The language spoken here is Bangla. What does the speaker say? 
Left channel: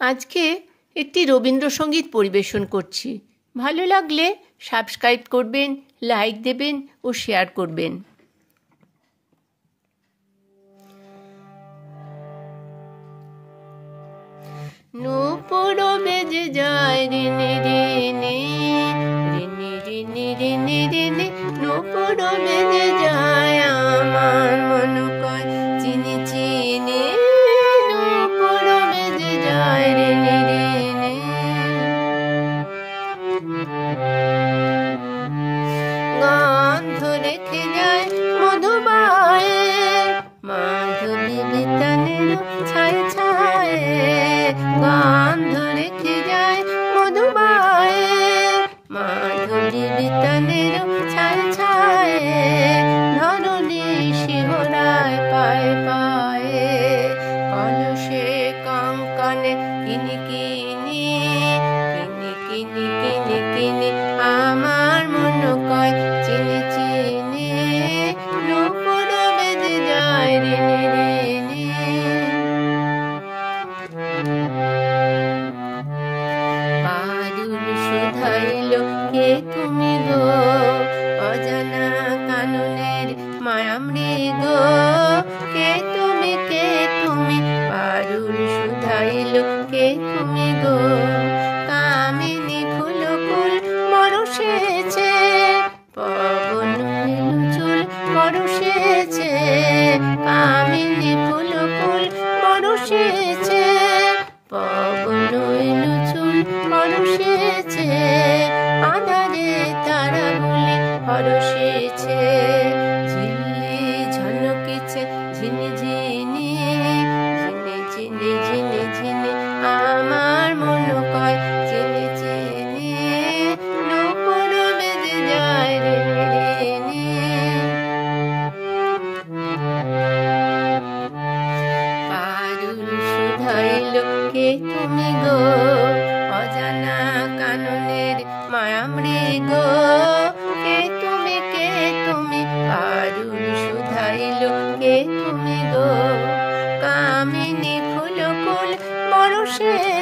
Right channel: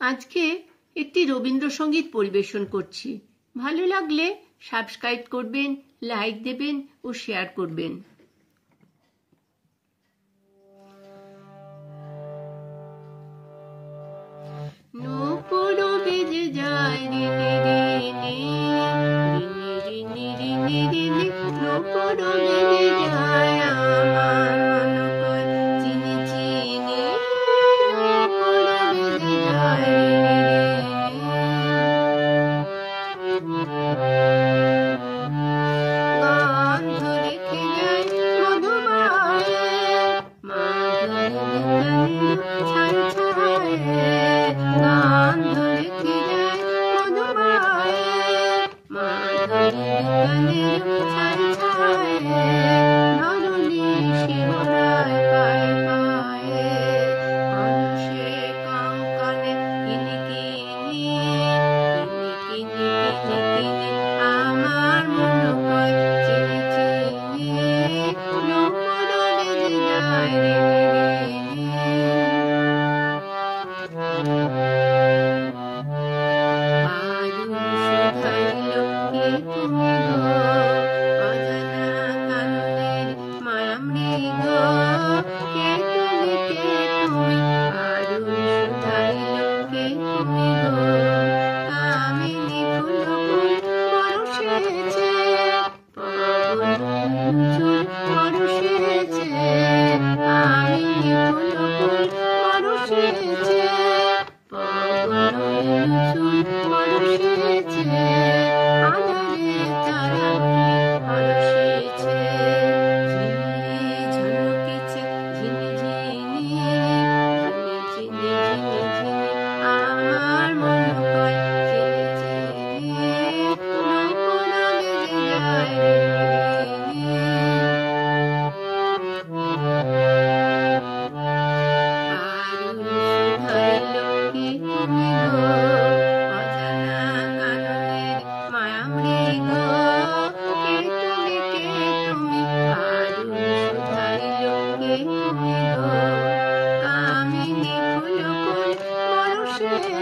আজকে একটি রবীন্দ্রসঙ্গীত পরিবেশন করছি। ভালো লাগলে সাবস্ক্রাইব করবেন, লাইক দেবেন ও শেয়ার করবেন। নূপুর বেজে যায় রিনি রিনি রিনি রিনি রিনি রিনি, নূপুর বেজে যায় আমার মন কয় চিনি চিনি, নূপুর বেজে যায় রিনি রিনি। গন্ধ রেখে যায় মধুবায়ে, মাধবী বিতানের ছায় ছায়ে। গন্ধ রেখে যায় মধুবায়ে, মাধবী বিতানের ছায় ছায়ে। ধরণী শিহরায় পায়ে পায়ে, অলসে কঙ্কনে কিনি কিনি কিনি কিনি কিনি, আমার মন কয় চিনি চিনি, নূপুর বেজে যায় রিনি রিনি। আরুল শুধাইল কে তুমি গো, অজানা কাননের মায়া মৃগ। কে তুমি কে তুমি, আরুল শুধাইল কে তুমি গো। কামিনী ফুল ফুল পরশেছে, পবন চুল পরশেছে। কামিনী ফুল ফুল পরশেছে, পবন চুল পরশেছে। আধারে তারা বলে পরশেছে, ঝিল্লি ঝলকেছে ঝিনি ঝিনি ঝিনি ঝিনি ঝিনি, আমার মন কয় চিনি চিনি, নূপুর বেজে যায় রিনি রিনি। আরুল শুধাইল কে তুমি গো, অজানা কাননের মায়া মৃগ। কে তুমি কে তুমি, আরুল শুধাইল কে তুমি গো। কামিনী ফুল ফুল পরশে